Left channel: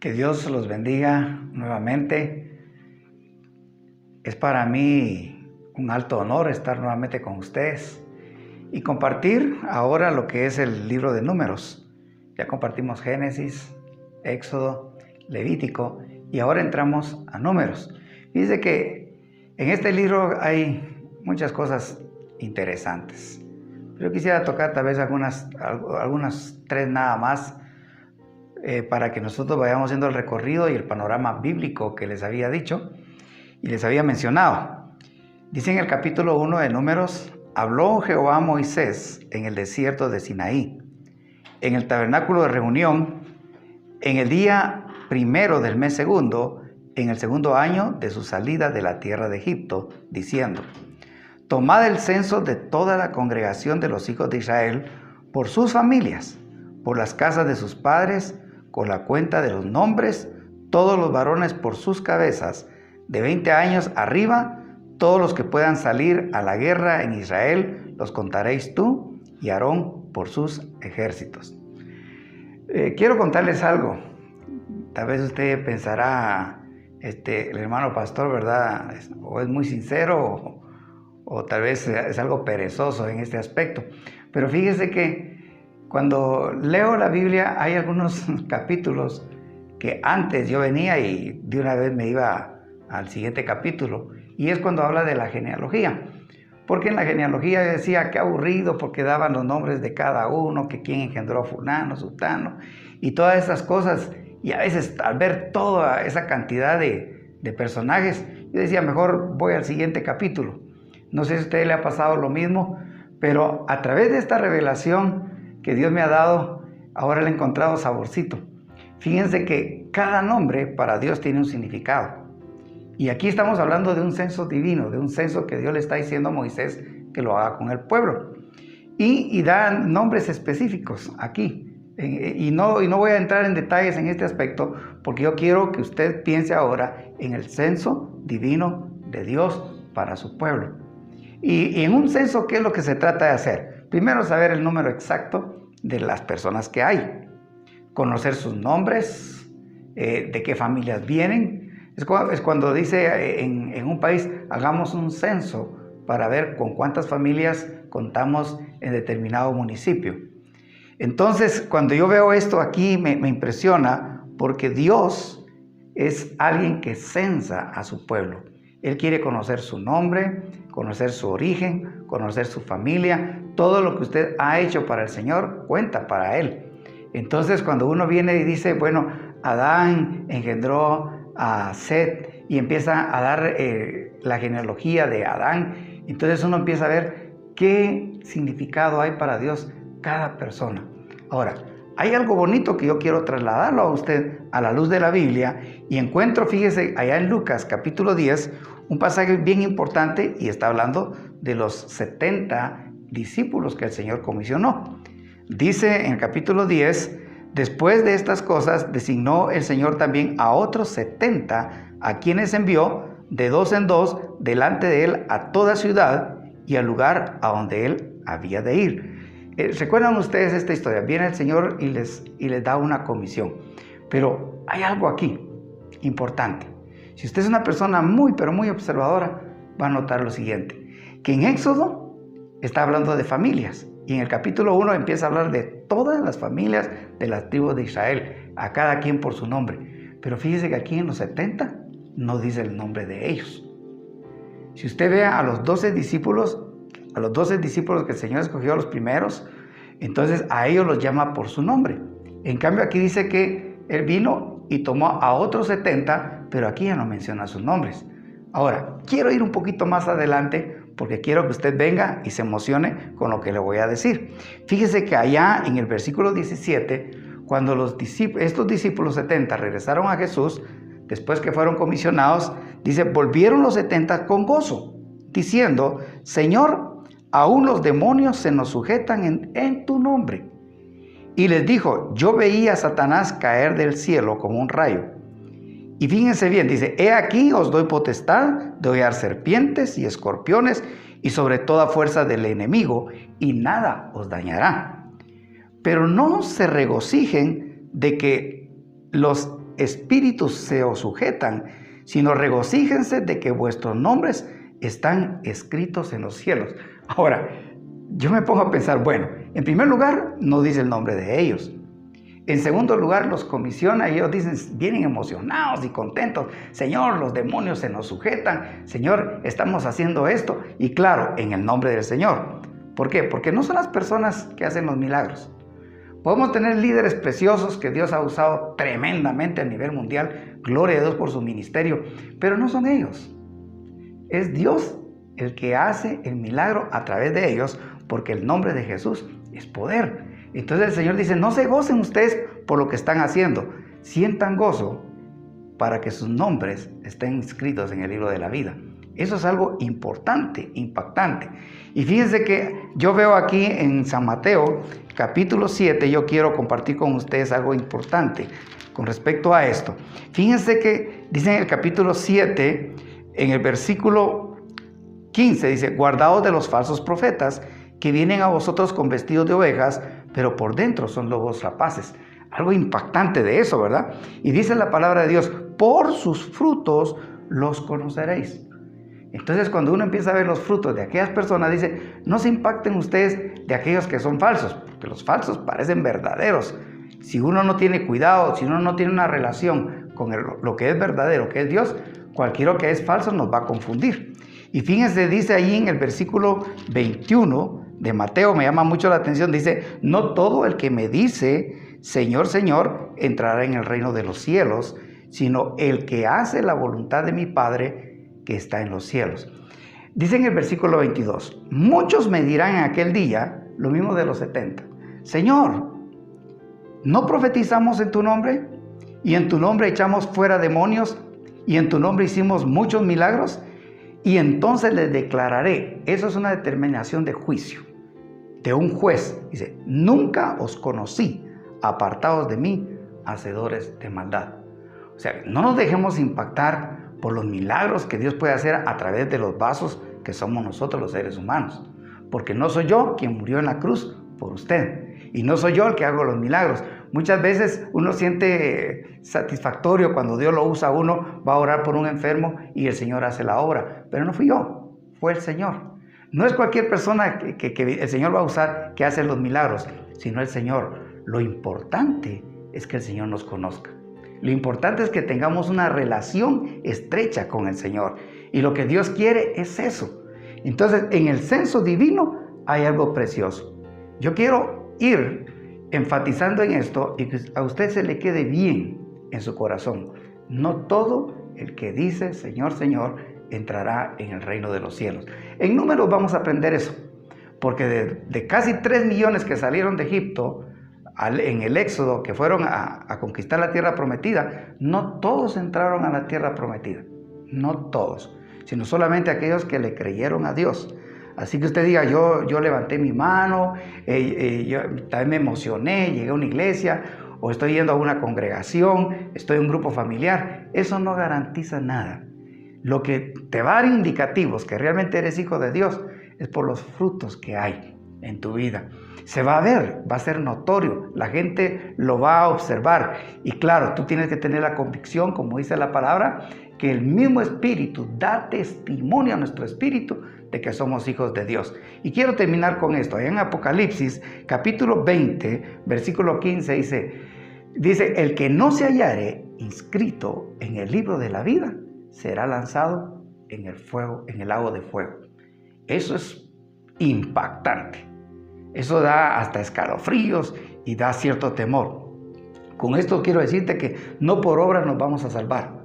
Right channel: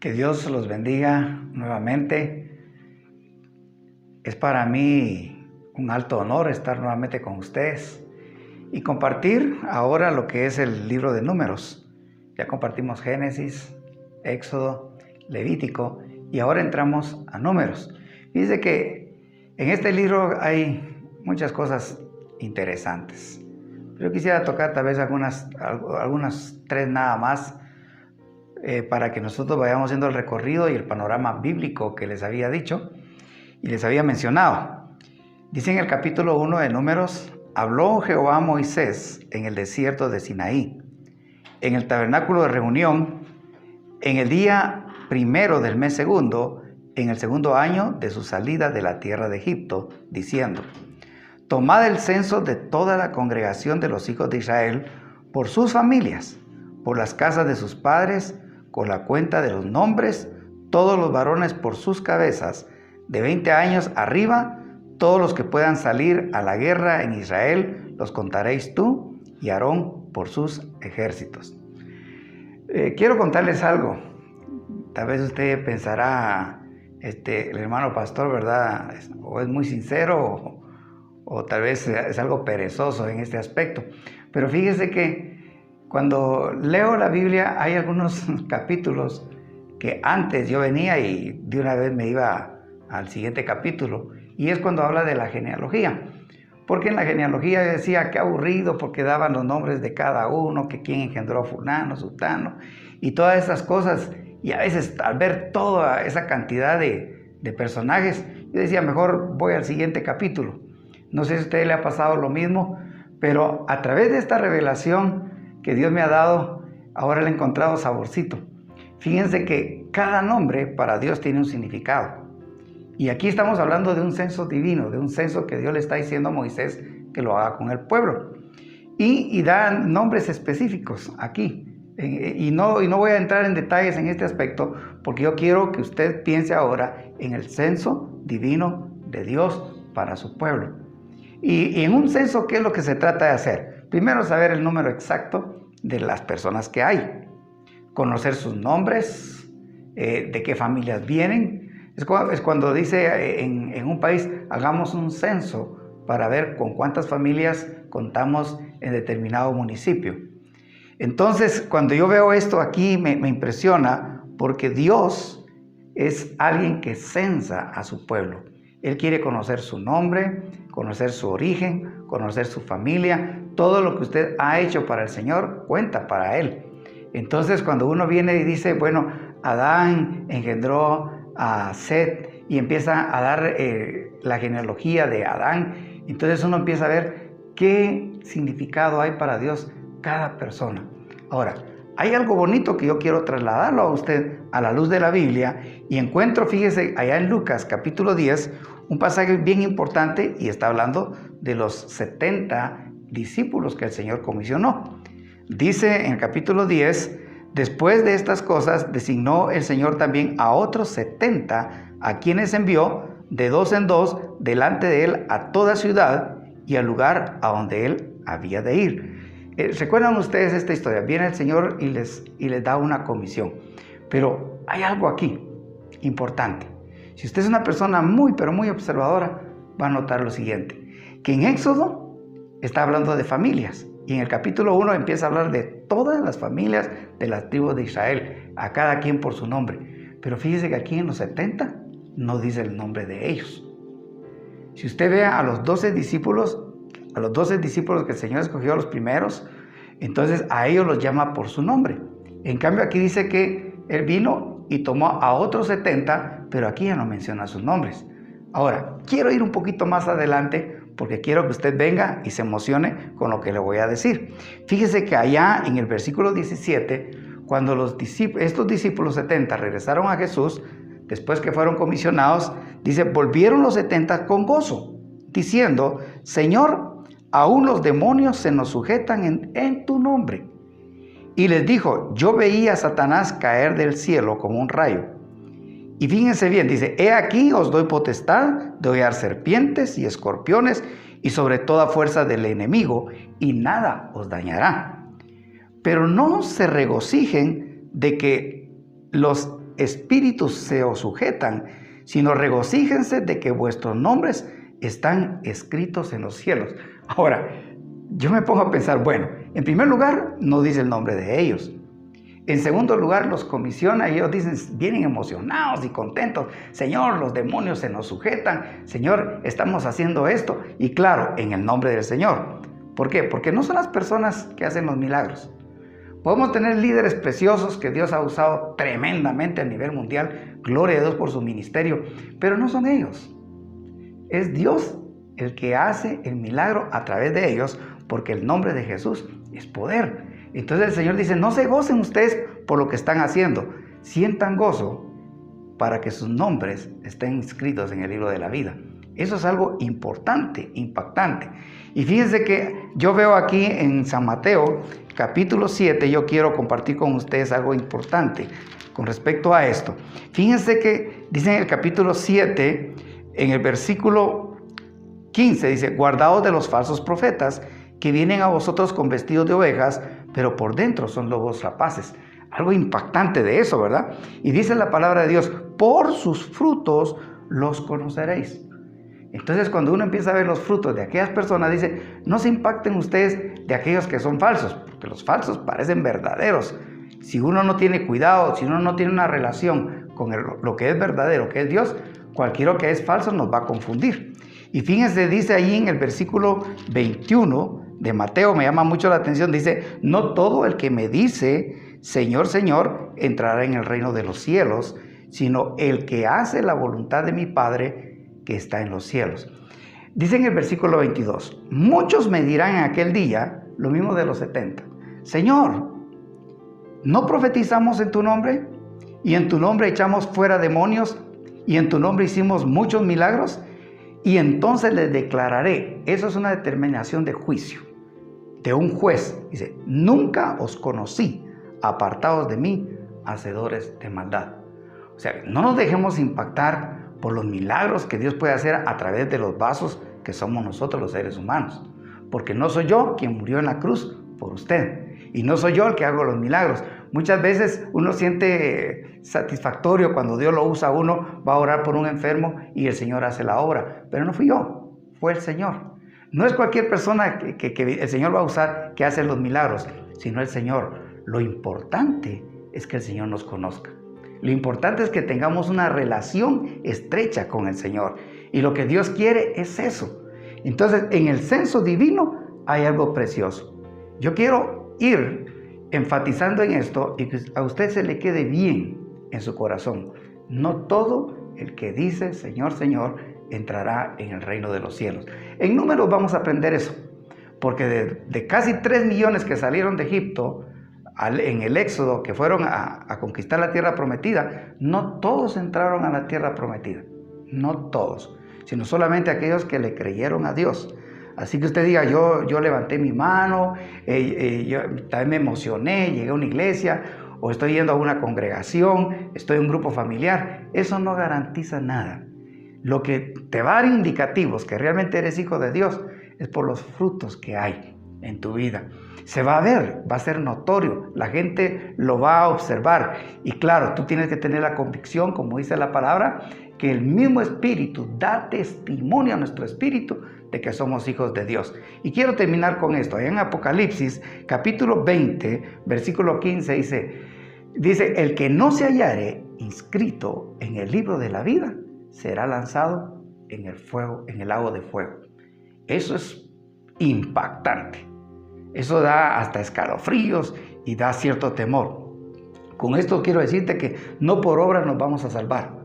Que Dios los bendiga nuevamente. Es para mí un alto honor estar nuevamente con ustedes y compartir ahora lo que es el libro de Números. Ya compartimos Génesis, Éxodo, Levítico y ahora entramos a Números. Fíjense que en este libro hay muchas cosas interesantes. Yo quisiera tocar tal vez algunas tres nada más para que nosotros vayamos haciendo el recorrido y el panorama bíblico que les había dicho y les había mencionado. Dice en el capítulo 1 de Números: habló Jehová a Moisés en el desierto de Sinaí, en el tabernáculo de reunión, en el día primero del mes segundo, en el segundo año de su salida de la tierra de Egipto, diciendo: tomad el censo de toda la congregación de los hijos de Israel por sus familias, por las casas de sus padres, con la cuenta de los nombres, todos los varones por sus cabezas, de 20 años arriba, todos los que puedan salir a la guerra en Israel, los contaréis tú y Aarón por sus ejércitos. Quiero contarles algo. Tal vez usted pensará, el hermano pastor, ¿verdad? O es muy sincero o tal vez es algo perezoso en este aspecto. Pero fíjese que cuando leo la Biblia hay algunos capítulos que antes yo venía y de una vez me iba al siguiente capítulo, y es cuando habla de la genealogía. Porque en la genealogía decía qué aburrido, porque daban los nombres de cada uno, que quién engendró a fulano, sutano, y todas esas cosas. Y a veces al ver toda esa cantidad de personajes, yo decía mejor voy al siguiente capítulo. No sé si a usted le ha pasado lo mismo, pero a través de esta revelación que Dios me ha dado, ahora le he encontrado saborcito. Fíjense que cada nombre para Dios tiene un significado. Y aquí estamos hablando de un censo divino, de un censo que Dios le está diciendo a Moisés que lo haga con el pueblo. Y da nombres específicos aquí. Y no voy a entrar en detalles en este aspecto, porque yo quiero que usted piense ahora en el censo divino de Dios para su pueblo. Y en un censo, ¿qué es lo que se trata de hacer? Primero, saber el número exacto de las personas que hay, conocer sus nombres, de qué familias vienen. Es cuando dice en un país, hagamos un censo para ver con cuántas familias contamos en determinado municipio. Entonces, cuando yo veo esto aquí, me impresiona, porque Dios es alguien que censa a su pueblo. Él quiere conocer su nombre, conocer su origen, conocer su familia. Todo lo que usted ha hecho para el Señor cuenta para Él. Entonces, cuando uno viene y dice, bueno, Adán engendró a Set y empieza a dar la genealogía de Adán, entonces uno empieza a ver qué significado hay para Dios cada persona. Ahora, hay algo bonito que yo quiero trasladarlo a usted a la luz de la Biblia, y encuentro, fíjese, allá en Lucas capítulo 10, un pasaje bien importante, y está hablando de los 70 discípulos que el Señor comisionó. Dice en el capítulo 10, después de estas cosas designó el Señor también a otros 70, a quienes envió de dos en dos delante de él a toda ciudad y al lugar a donde él había de ir. ¿Recuerdan ustedes esta historia? Viene el Señor y les da una comisión. Pero hay algo aquí importante. Si usted es una persona muy, pero muy observadora, va a notar lo siguiente: que en Éxodo está hablando de familias. Y en el capítulo 1 empieza a hablar de todas las familias de las tribus de Israel, a cada quien por su nombre. Pero fíjese que aquí en los 70 no dice el nombre de ellos. Si usted ve a los 12 discípulos que el Señor escogió, a los primeros, entonces a ellos los llama por su nombre. En cambio aquí dice que Él vino y tomó a otros 70, pero aquí ya no menciona sus nombres. Ahora, quiero ir un poquito más adelante porque quiero que usted venga y se emocione con lo que le voy a decir. Fíjese que allá en el versículo 17, cuando estos discípulos 70 regresaron a Jesús, después que fueron comisionados, dice, volvieron los 70 con gozo, diciendo, Señor, aún los demonios se nos sujetan en tu nombre. Y les dijo, yo veía a Satanás caer del cielo como un rayo. Y fíjense bien, dice, he aquí os doy potestad de hollar serpientes y escorpiones y sobre toda fuerza del enemigo, y nada os dañará. Pero no se regocijen de que los espíritus se os sujetan, sino regocíjense de que vuestros nombres están escritos en los cielos. Ahora, yo me pongo a pensar, bueno, en primer lugar, no dice el nombre de ellos. En segundo lugar, los comisiona y ellos dicen, vienen emocionados y contentos. Señor, los demonios se nos sujetan. Señor, estamos haciendo esto. Y claro, en el nombre del Señor. ¿Por qué? Porque no son las personas que hacen los milagros. Podemos tener líderes preciosos que Dios ha usado tremendamente a nivel mundial. Gloria a Dios por su ministerio. Pero no son ellos. Es Dios el que hace el milagro a través de ellos, porque el nombre de Jesús es poder. Entonces el Señor dice, no se gocen ustedes por lo que están haciendo, sientan gozo para que sus nombres estén inscritos en el libro de la vida. Eso es algo importante, impactante. Y fíjense que yo veo aquí en San Mateo, capítulo 7, yo quiero compartir con ustedes algo importante con respecto a esto. Fíjense que dice en el capítulo 7, en el versículo 15, dice, guardaos de los falsos profetas que vienen a vosotros con vestidos de ovejas, pero por dentro son lobos rapaces. Algo impactante de eso, ¿verdad? Y dice la palabra de Dios, por sus frutos los conoceréis. Entonces, cuando uno empieza a ver los frutos de aquellas personas, dice, no se impacten ustedes de aquellos que son falsos, porque los falsos parecen verdaderos. Si uno no tiene cuidado, si uno no tiene una relación con lo que es verdadero, que es Dios, cualquiera que es falso nos va a confundir. Y fíjense, dice ahí en el versículo 21 de Mateo, me llama mucho la atención, dice, no todo el que me dice, Señor, Señor, entrará en el reino de los cielos, sino el que hace la voluntad de mi Padre que está en los cielos. Dice en el versículo 22, muchos me dirán en aquel día, lo mismo de los 70, Señor, ¿no profetizamos en tu nombre? Y en tu nombre echamos fuera demonios, y en tu nombre hicimos muchos milagros. Y entonces les declararé, eso es una determinación de juicio, de un juez. Dice, nunca os conocí, apartados de mí, hacedores de maldad. O sea, no nos dejemos impactar por los milagros que Dios puede hacer a través de los vasos que somos nosotros los seres humanos. Porque no soy yo quien murió en la cruz por usted. Y no soy yo el que hago los milagros. Muchas veces uno siente satisfactorio cuando Dios lo usa a uno, va a orar por un enfermo y el Señor hace la obra. Pero no fui yo, fue el Señor. No es cualquier persona que el Señor va a usar que hace los milagros, sino el Señor. Lo importante es que el Señor nos conozca. Lo importante es que tengamos una relación estrecha con el Señor. Y lo que Dios quiere es eso. Entonces, en el censo divino hay algo precioso. Yo quiero ir enfatizando en esto y que a usted se le quede bien en su corazón. No todo el que dice Señor, Señor entrará en el reino de los cielos. En números vamos a aprender eso, porque de casi 3 millones que salieron de Egipto en el Éxodo, que fueron a conquistar la tierra prometida, no todos entraron a la tierra prometida, no todos, sino solamente aquellos que le creyeron a Dios. Así que usted diga, yo levanté mi mano, yo también me emocioné, llegué a una iglesia, o estoy yendo a una congregación, estoy en un grupo familiar. Eso no garantiza nada. Lo que te va a dar indicativos que realmente eres hijo de Dios es por los frutos que hay en tu vida. Se va a ver, va a ser notorio, la gente lo va a observar. Y claro, tú tienes que tener la convicción, como dice la palabra, que el mismo Espíritu da testimonio a nuestro espíritu de que somos hijos de Dios. Y quiero terminar con esto. En Apocalipsis, capítulo 20, versículo 15, dice, el que no se hallare inscrito en el libro de la vida, será lanzado en el fuego, en el lago de fuego. Eso es impactante. Eso da hasta escalofríos y da cierto temor. Con esto quiero decirte que no por obras nos vamos a salvar,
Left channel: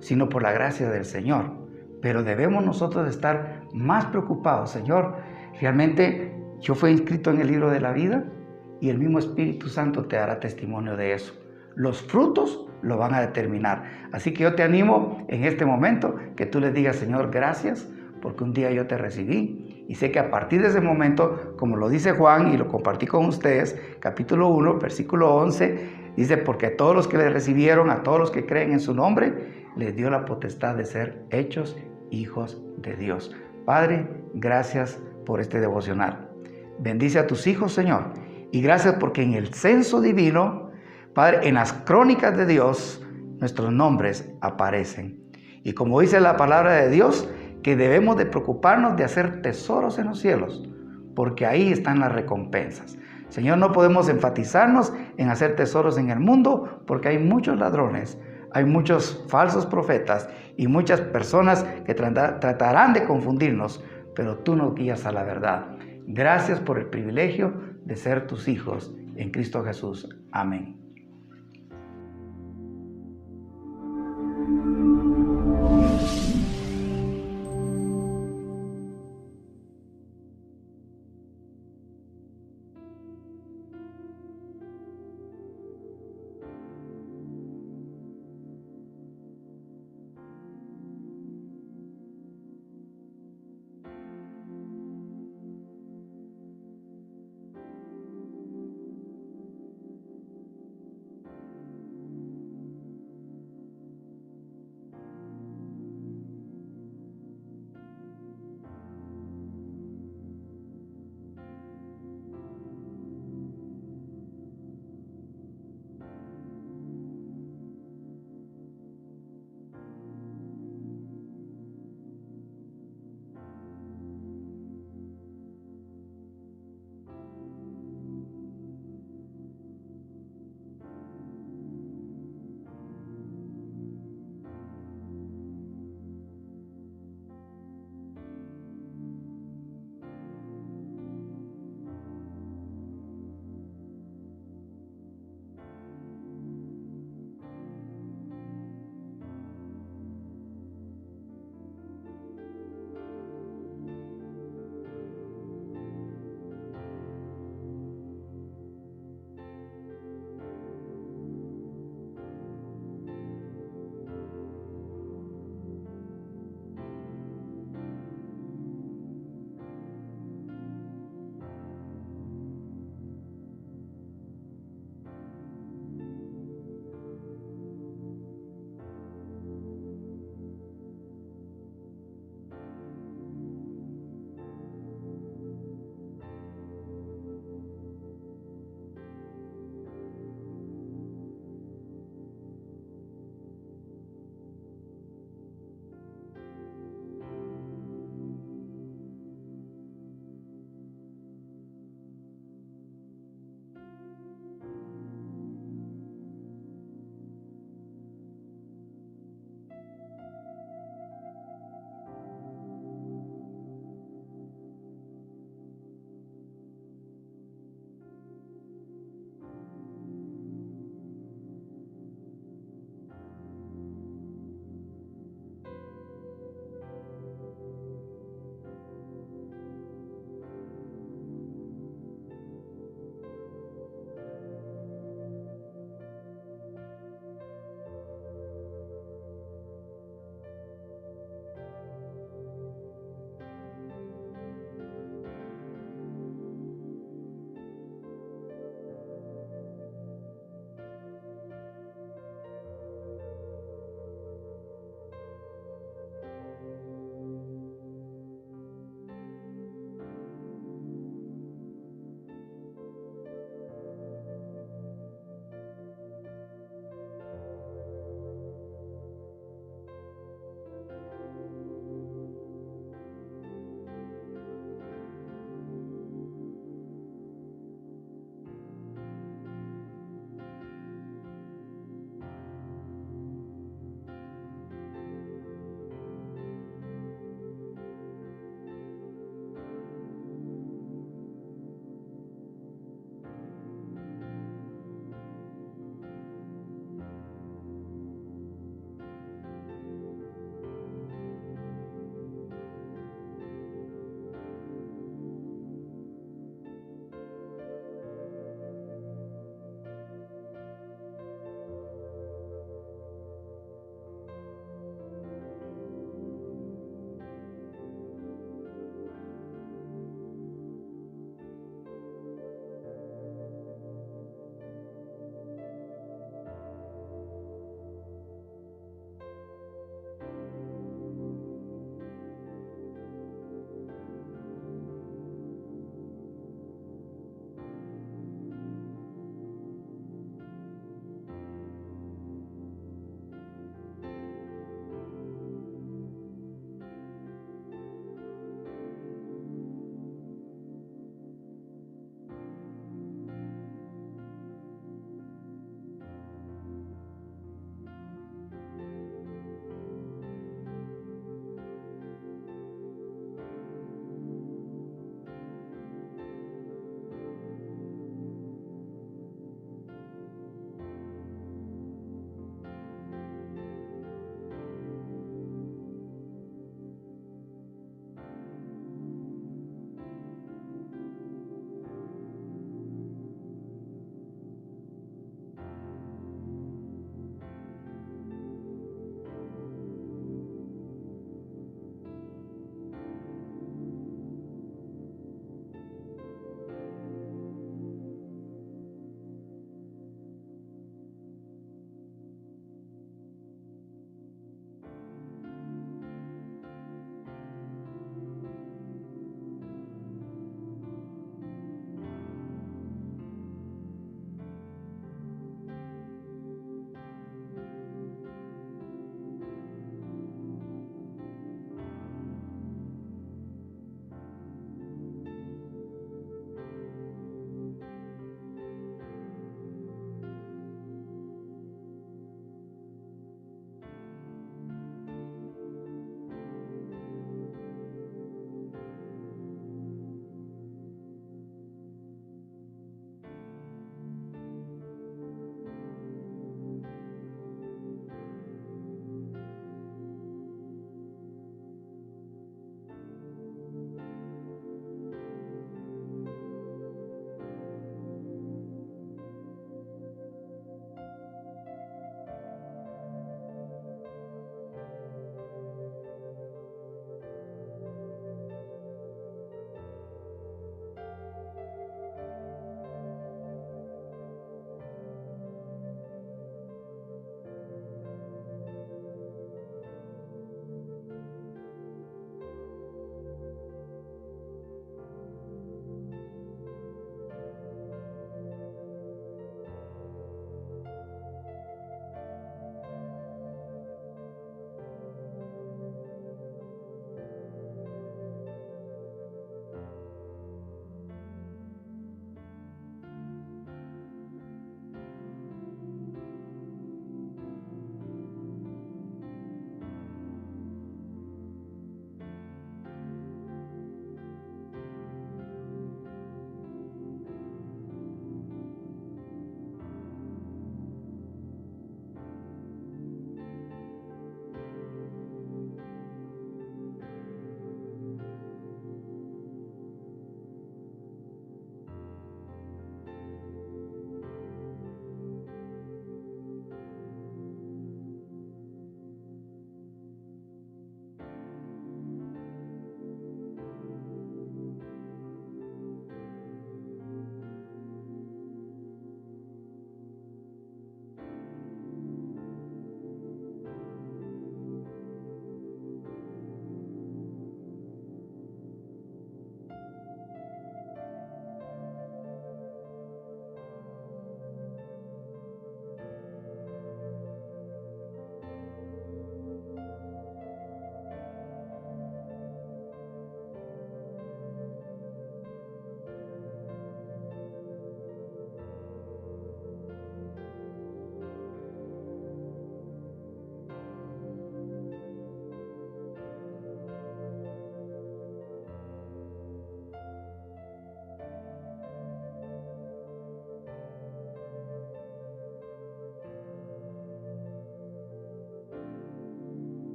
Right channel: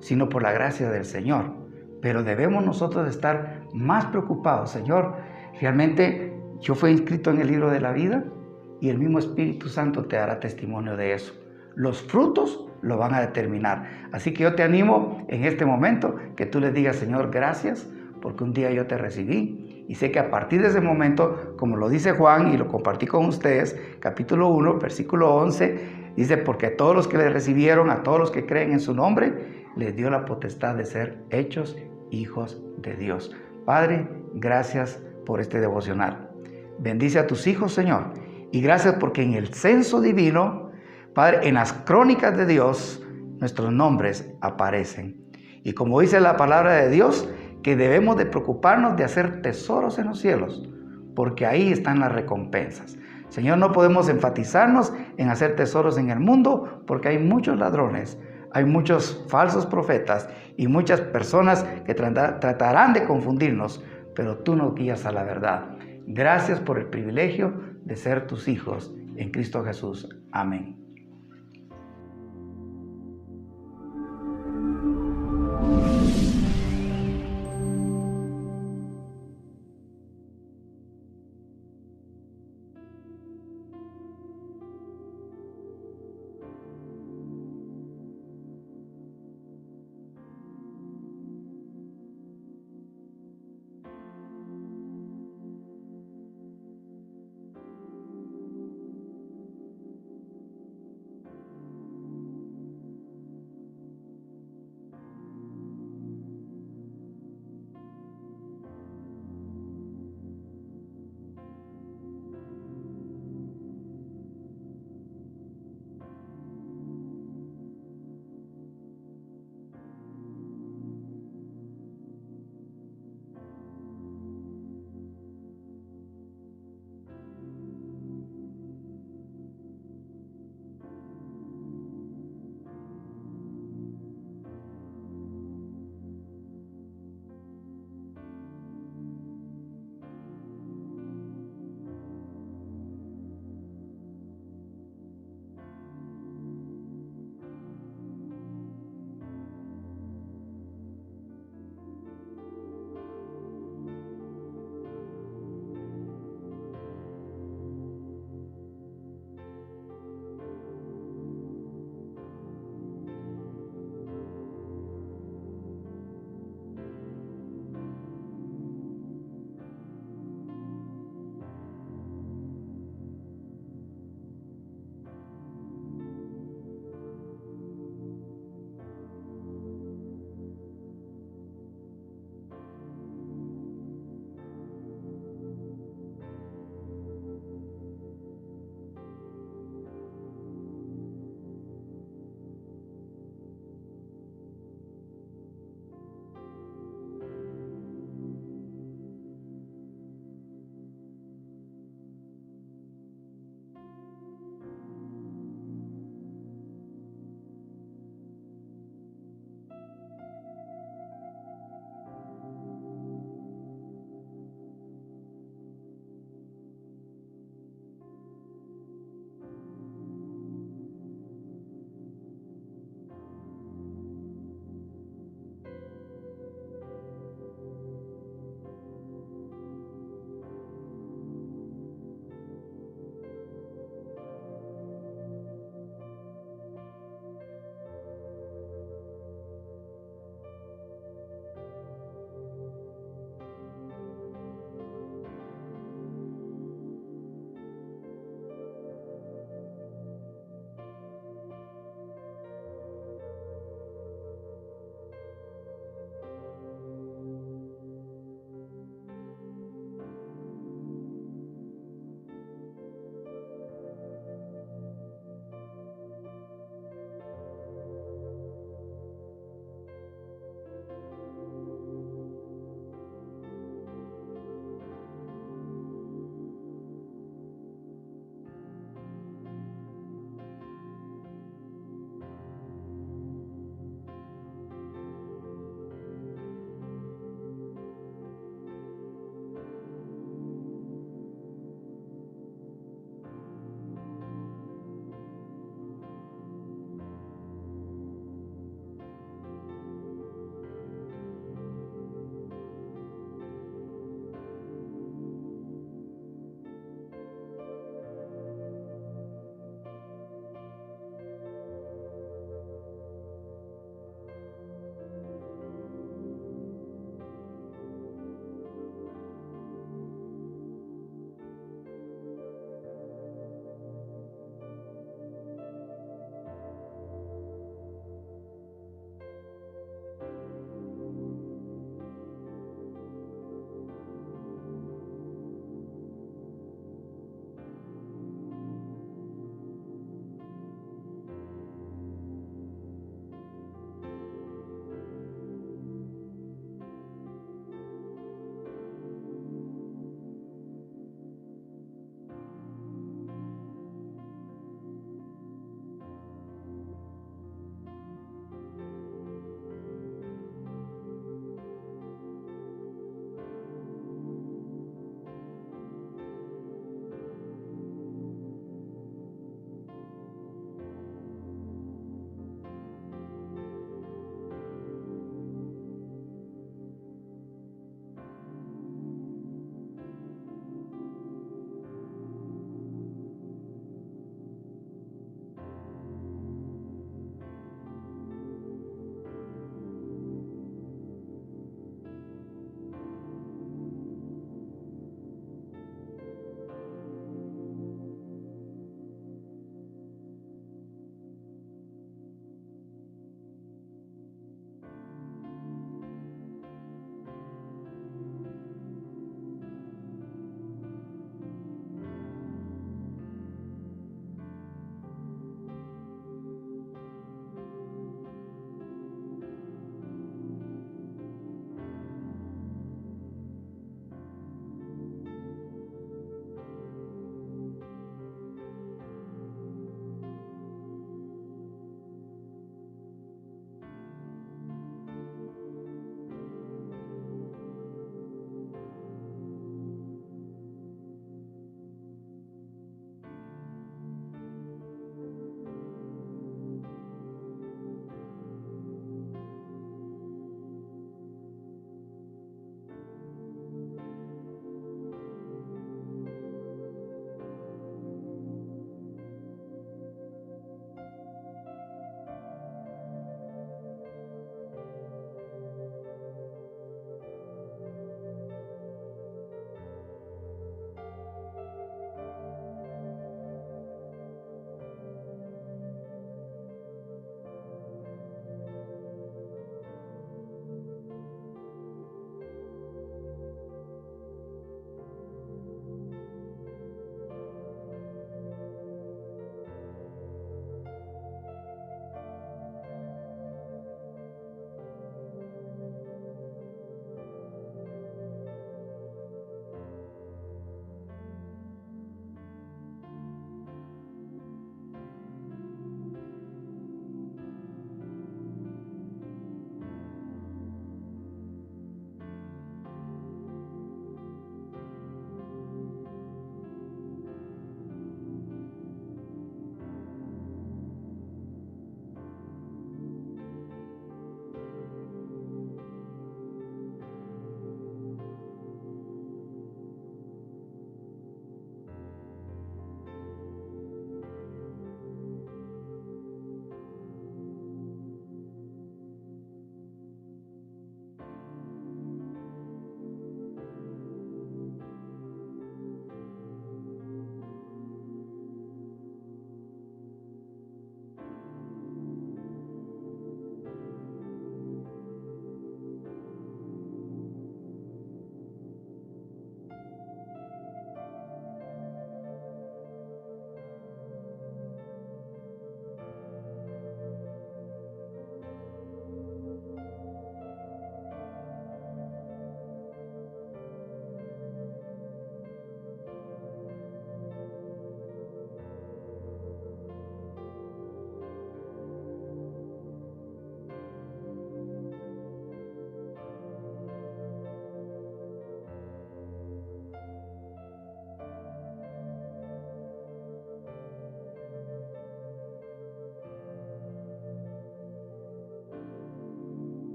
sino por la gracia del Señor. Pero debemos nosotros estar más preocupados. Señor, realmente yo fui inscrito en el libro de la vida y el mismo Espíritu Santo te dará testimonio de eso. Los frutos lo van a determinar. Así que yo te animo en este momento que tú le digas, Señor, gracias porque un día yo te recibí. Y sé que a partir de ese momento, como lo dice Juan y lo compartí con ustedes, capítulo 1, versículo 11, dice, porque a todos los que le recibieron, a todos los que creen en su nombre, les dio la potestad de ser hechos hijos de Dios. Padre, gracias por este devocional. Bendice a tus hijos, Señor. Y gracias porque en el censo divino, Padre, en las crónicas de Dios, nuestros nombres aparecen. Y como dice la palabra de Dios, que debemos de preocuparnos de hacer tesoros en los cielos, porque ahí están las recompensas. Señor, no podemos enfatizarnos en hacer tesoros en el mundo, porque hay muchos ladrones, hay muchos falsos profetas y muchas personas que tratarán de confundirnos, pero tú nos guías a la verdad. Gracias por el privilegio de ser tus hijos en Cristo Jesús. Amén.